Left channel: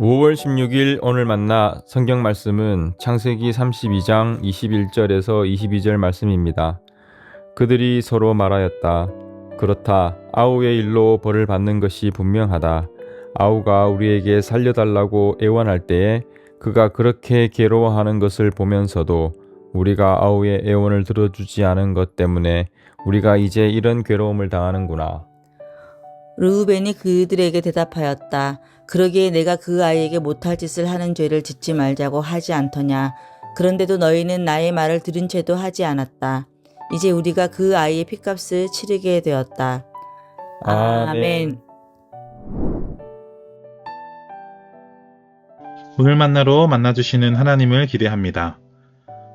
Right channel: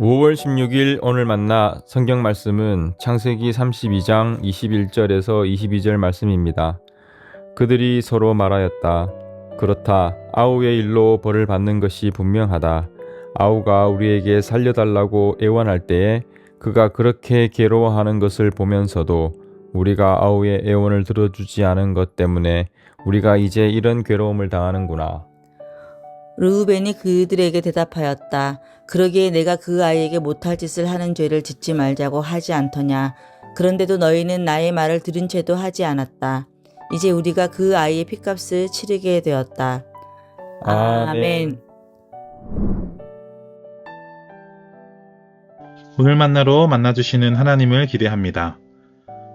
5월 16일 오늘 만나 성경 말씀은 창세기 32장 21절에서 22절 말씀입니다. 그들이 서로 말하였다. 그렇다. 아우의 일로 벌을 받는 것이 분명하다. 아우가 우리에게 살려달라고 애원할 때에 그가 그렇게 괴로워하는 것을 보면서도 우리가 아우의 애원을 들어주지 않은 것 때문에 우리가 이제 이런 괴로움을 당하는구나. 르우벤이 그들에게 대답하였다. 그러기에 내가 그 아이에게 못할 짓을 하는 죄를 짓지 말자고 하지 않더냐. 그런데도 너희는 나의 말을 들은 채도 하지 않았다. 이제 우리가 그 아이의 핏값을 치르게 되었다. 아멘. 오늘 만나로 만나주시는 하나님을 기대합니다.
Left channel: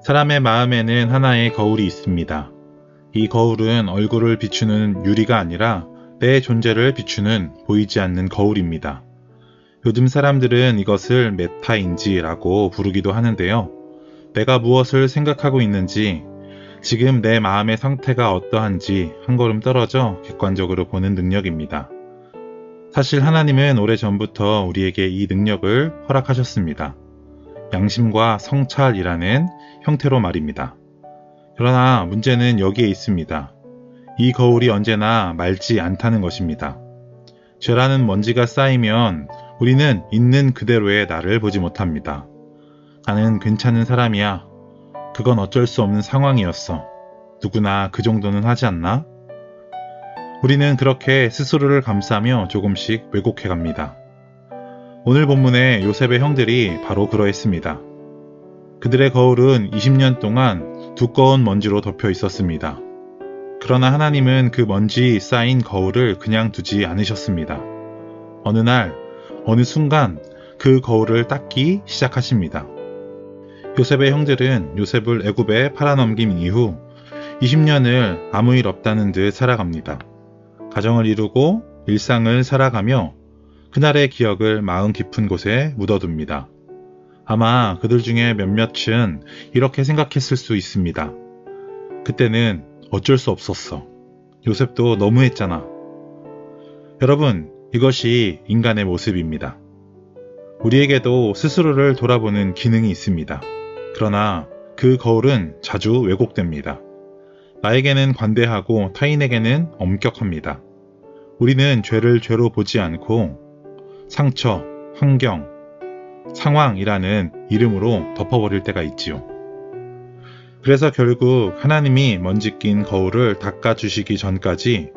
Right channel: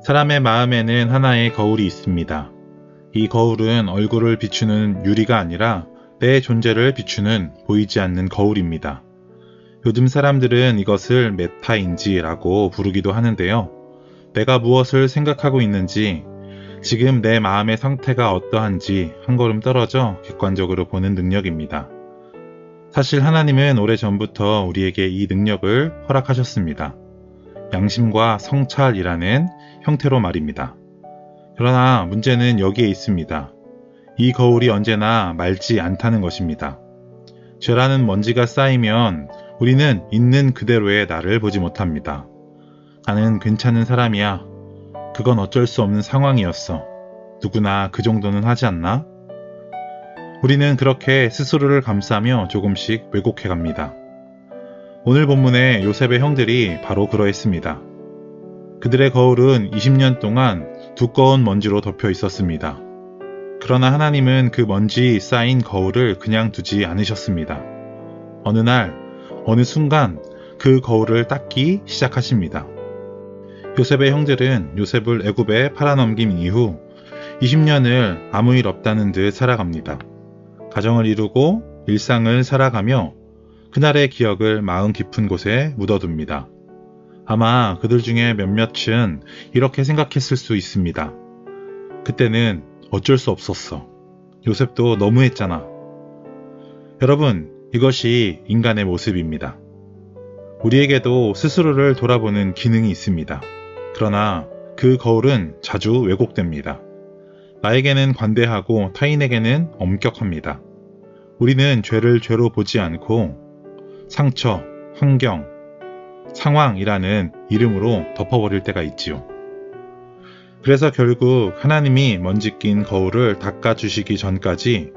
사람의 마음에는 하나의 거울이 있습니다. 이 거울은 얼굴을 비추는 유리가 아니라 내 존재를 비추는 보이지 않는 거울입니다. 요즘 사람들은 이것을 메타인지라고 부르기도 하는데요. 내가 무엇을 생각하고 있는지, 지금 내 마음의 상태가 어떠한지 한 걸음 떨어져 객관적으로 보는 능력입니다. 사실 하나님은 오래전부터 우리에게 이 능력을 허락하셨습니다. 양심과 성찰이라는 형태로 말입니다. 그러나 문제는 여기에 있습니다. 이 거울이 언제나 맑지 않다는 것입니다. 죄라는 먼지가 쌓이면 우리는 있는 그대로의 나를 보지 못합니다. 나는 괜찮은 사람이야. 그건 어쩔 수 없는 상황이었어. 누구나 그 정도는 하지 않나? 우리는 그렇게 스스로를 감싸며 조금씩 왜곡해 갑니다. 오늘 본문의 요셉의 형들이 바로 그러했습니다. 그들의 거울은 20년 동안 두꺼운 먼지로 덮여 있었습니다. 그러나 하나님은 그 먼지 쌓인 거울을 그냥 두지 않으셨습니다. 어느 날, 어느 순간 그 거울을 닦기 시작하십니다. 요셉의 형들은 요셉을 애굽에 팔아넘긴 이후 20년을 아무 일 없다는 듯 살아갑니다. 가정을 이루고 일상을 살아가며 그날의 기억을 마음 깊은 곳에 묻어둡니다. 아마 그들 중에 몇몇은 이렇게 생각했을 수 있습니다. 그때는 어쩔 수 없었어. 요셉도 너무했잖아. 여러분, 이것이 인간의 모습입니다. 우리에게도 스스로를 돌아보는 기능이 있습니다. 그러나 그 거울은 자주 왜곡됩니다. 나에게는 관대하고 타인에게는 엄격합니다. 우리는 죄를 죄로 보지 않고 상처, 환경, 상황이라는 이름으로 덮어버릴 때가 있지요. 그래서 결국 하나님이 먼지 낀 거울을 닦아주시기 전까지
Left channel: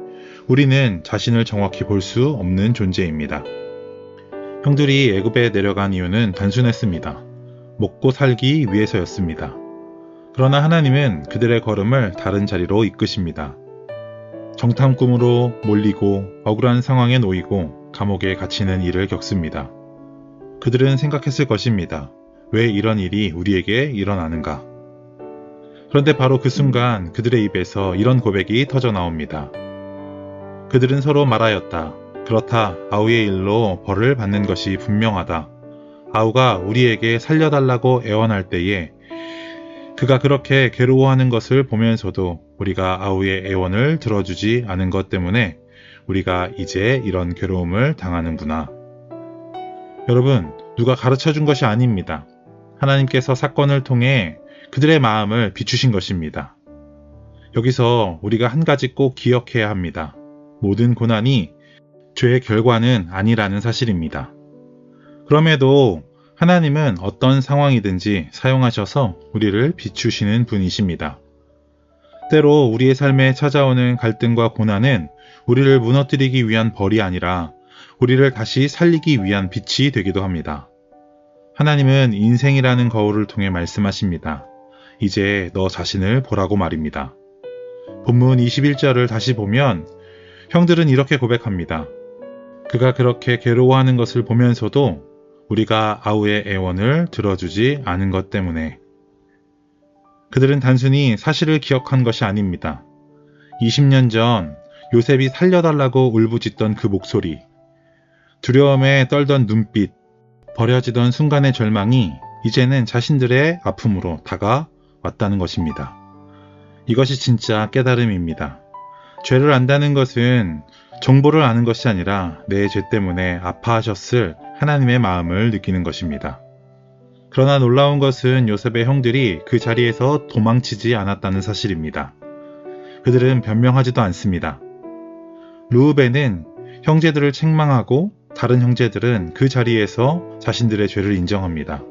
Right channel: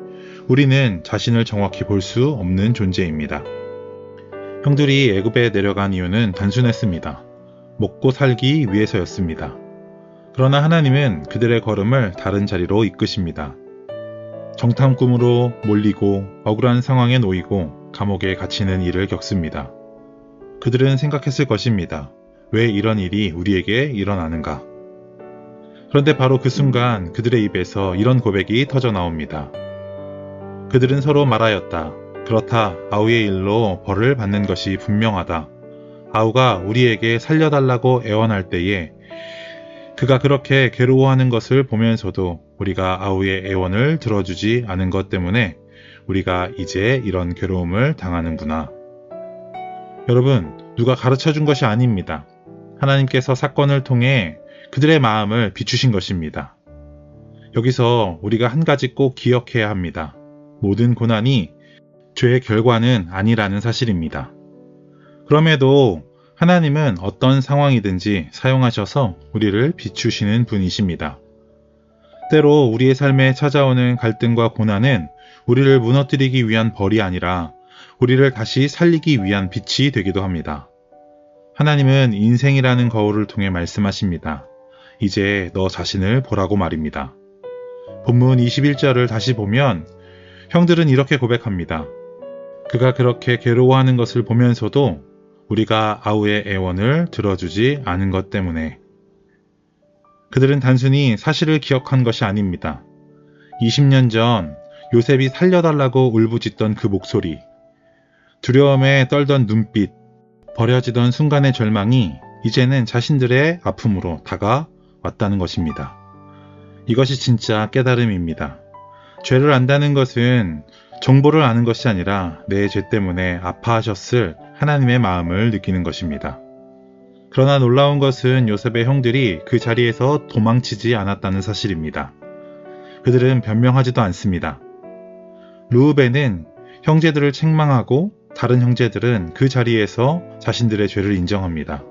우리는 자신을 정확히 볼 수 없는 존재입니다. 형들이 애굽에 내려간 이유는 단순했습니다. 먹고 살기 위해서였습니다. 그러나 하나님은 그들의 걸음을 다른 자리로 이끄십니다. 정탐 꿈으로 몰리고 억울한 상황에 놓이고 감옥에 갇히는 일을 겪습니다. 그들은 생각했을 것입니다. 왜 이런 일이 우리에게 일어나는가? 그런데 바로 그 순간 그들의 입에서 이런 고백이 터져 나옵니다. 그들은 서로 말하였다. 그렇다. 아우의 일로 벌을 받는 것이 분명하다. 아우가 우리에게 살려달라고 애원할 때에 그가 그렇게 괴로워하는 것을 보면서도 우리가 아우의 애원을 들어주지 않은 것 때문에 우리가 이제 이런 괴로움을 당하는구나. 여러분, 누가 가르쳐 준 것이 아닙니다. 하나님께서 사건을 통해 그들의 마음을 비추신 것입니다. 여기서 우리가 한 가지 꼭 기억해야 합니다. 모든 고난이 죄의 결과는 아니라는 사실입니다. 그럼에도 하나님은 어떤 상황이든지 사용하셔서 우리를 비추시는 분이십니다. 때로 우리의 삶에 찾아오는 갈등과 고난은 우리를 무너뜨리기 위한 벌이 아니라 우리를 다시 살리기 위한 빛이 되기도 합니다. 하나님은 인생이라는 거울을 통해 말씀하십니다. 이제 너 자신을 보라고 말입니다. 본문 21절을 다시 보면 형들은 이렇게 고백합니다. 그가 그렇게 괴로워하는 것을 보면서도 우리가 아우의 애원을 들어주지 않은 것 때문에. 그들은 단순히 사실을 기억한 것이 아닙니다. 20년 전 요셉이 살려달라고 울부짖던 그 목소리, 두려움에 떨던 눈빛, 버려지던 순간의 절망이 이제는 자신들의 아픔으로 다가왔다는 것입니다. 이것이 진짜 깨달음입니다. 죄를 안다는 것은 정보를 아는 것이 아니라 내 죄 때문에 아파하셨을 하나님의 마음을 느끼는 것입니다. 그러나 놀라운 것은 요셉의 형들이 그 자리에서 도망치지 않았다는 사실입니다. 그들은 변명하지도 않습니다. 르우벤은 형제들을 책망하고 다른 형제들은 그 자리에서 자신들의 죄를 인정합니다.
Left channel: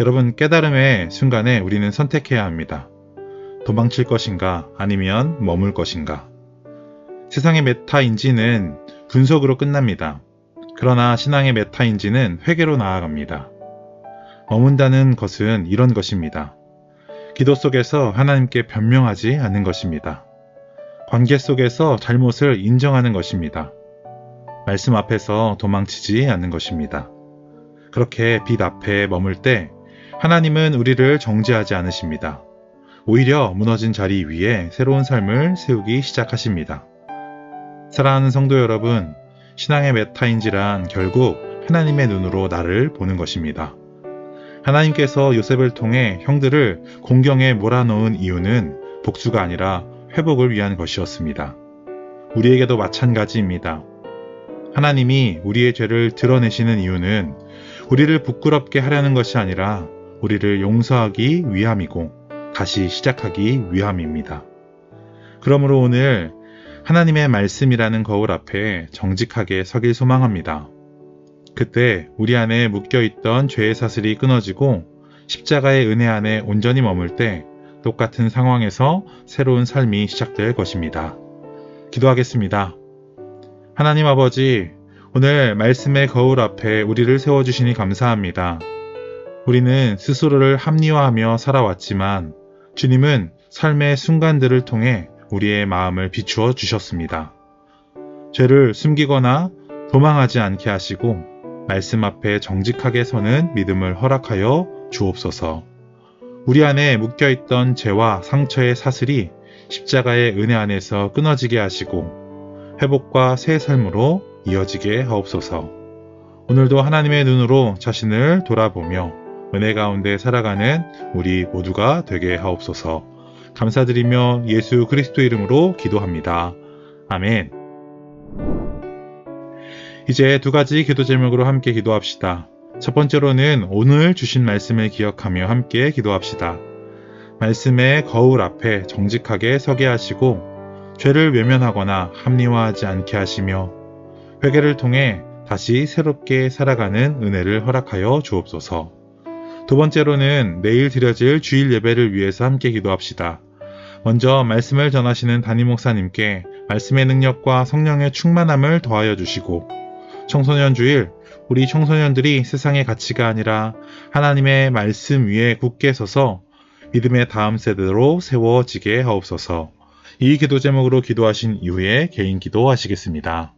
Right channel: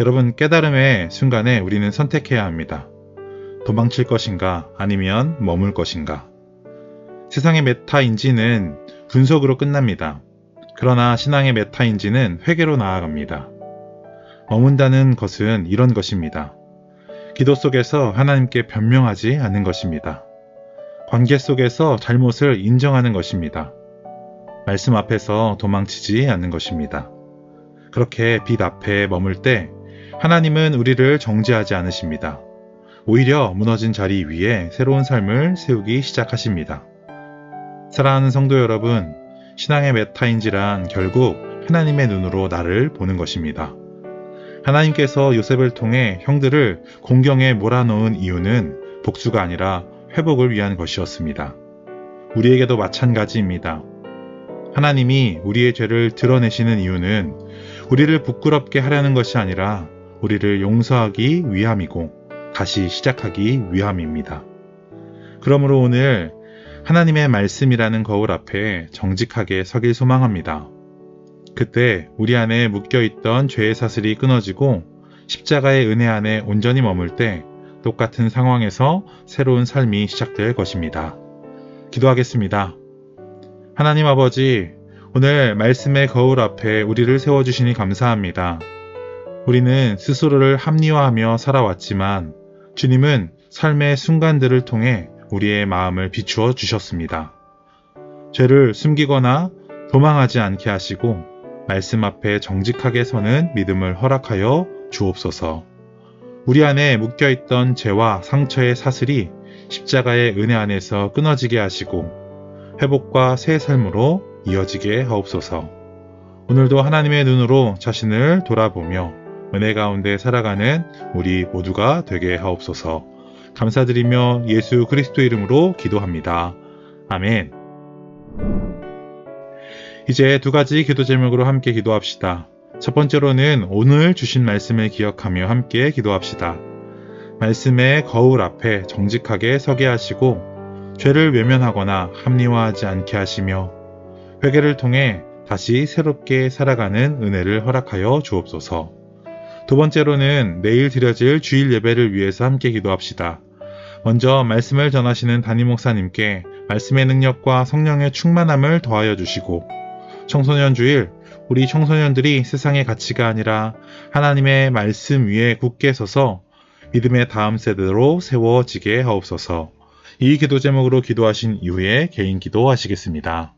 여러분, 깨달음의 순간에 우리는 선택해야 합니다. 도망칠 것인가 아니면 머물 것인가. 세상의 메타인지는 분석으로 끝납니다. 그러나 신앙의 메타인지는 회개로 나아갑니다. 머문다는 것은 이런 것입니다. 기도 속에서 하나님께 변명하지 않는 것입니다. 관계 속에서 잘못을 인정하는 것입니다. 말씀 앞에서 도망치지 않는 것입니다. 그렇게 빛 앞에 머물 때 하나님은 우리를 정죄하지 않으십니다. 오히려 무너진 자리 위에 새로운 삶을 세우기 시작하십니다. 사랑하는 성도 여러분, 신앙의 메타인지란 결국 하나님의 눈으로 나를 보는 것입니다. 하나님께서 요셉을 통해 형들을 공경에 몰아넣은 이유는 복수가 아니라 회복을 위한 것이었습니다. 우리에게도 마찬가지입니다. 하나님이 우리의 죄를 드러내시는 이유는 우리를 부끄럽게 하려는 것이 아니라 우리를 용서하기 위함이고 다시 시작하기 위함입니다. 그러므로 오늘 하나님의 말씀이라는 거울 앞에 정직하게 서길 소망합니다. 그때 우리 안에 묶여있던 죄의 사슬이 끊어지고 십자가의 은혜 안에 온전히 머물 때 똑같은 상황에서 새로운 삶이 시작될 것입니다. 기도하겠습니다. 하나님 아버지, 오늘 말씀의 거울 앞에 우리를 세워주시니 감사합니다. 우리는 스스로를 합리화하며 살아왔지만 주님은 삶의 순간들을 통해 우리의 마음을 비추어 주셨습니다. 죄를 숨기거나 도망하지 않게 하시고 말씀 앞에 정직하게 서는 믿음을 허락하여 주옵소서. 우리 안에 묶여있던 죄와 상처의 사슬이 십자가의 은혜 안에서 끊어지게 하시고 회복과 새 삶으로 이어지게 하옵소서. 오늘도 하나님의 눈으로 자신을 돌아보며 은혜 가운데 살아가는 우리 모두가 되게 하옵소서. 감사드리며 예수 그리스도 이름으로 기도합니다. 아멘. 이제 두 가지 기도 제목으로 함께 기도합시다. 첫 번째로는 오늘 주신 말씀을 기억하며 함께 기도합시다. 말씀의 거울 앞에 정직하게 서게 하시고 죄를 외면하거나 합리화하지 않게 하시며 회개를 통해 다시 새롭게 살아가는 은혜를 허락하여 주옵소서. 두 번째로는 내일 드려질 주일 예배를 위해서 함께 기도합시다. 먼저 말씀을 전하시는 담임 목사님께 말씀의 능력과 성령의 충만함을 더하여 주시고 청소년 주일 우리 청소년들이 세상의 가치가 아니라 하나님의 말씀 위에 굳게 서서 믿음의 다음 세대로 세워지게 하옵소서. 이 기도 제목으로 기도하신 이후에 개인 기도하시겠습니다.